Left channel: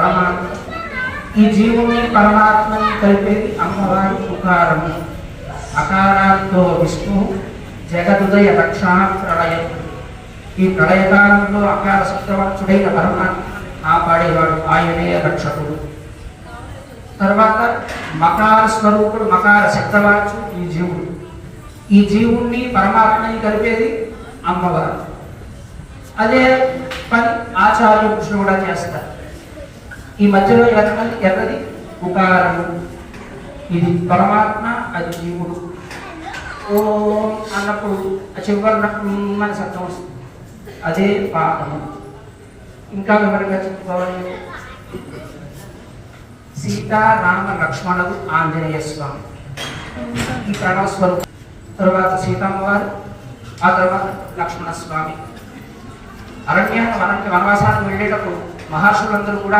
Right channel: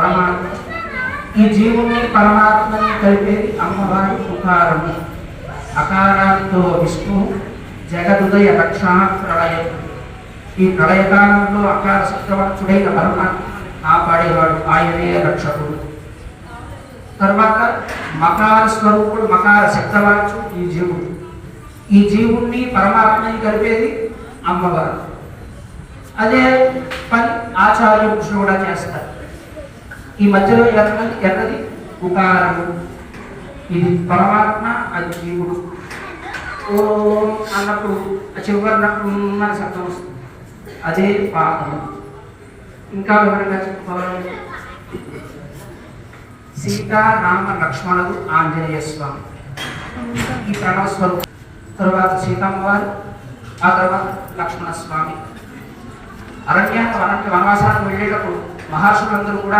పరమాత్మ ఈ జీవుని పరమాత్మని కలిపేది అమ్మవారి ఉకారము. అకారాంతో విష్ణు జగదుదయ రక్షణ ప్రళయం. ఈ ప్రళయకాలంలో అకార సత్యవక్షుడైన పరమాత్మ కాపాడేవాడు, ఆయనే రక్షకుడు. తర్వాత మకార స్వరూపుడు, మకార శబ్దవాచు ఈ జీవుడు. ఈ జీవుణ్ణి పరమాత్మని కలిపేది అమ్మవారు. అదే పని ఆచార్య కృష్ణ కూడా చేస్తారు. ఈ మధ్యలో ఎన్నది ఉకారము. ఇది పరమాత్మ, అది జీవుడు. ఓ అన్నప్పుడు చివరిన శబ్దం వస్తుంది, అదే పాపము. ఇంకా వివరంగా చెప్పుకోవాలంటే సీతారామ లక్ష్మణుడు ఆంజనేయ స్వామి ఈ ప్రణవస్వరూపం. తర్వాత సీతమ్మ వారు, ఆ తర్వాత లక్ష్మణ స్వామి. వనవాసానికి వెళ్ళేటప్పుడు మహర్షులందరూ కూడా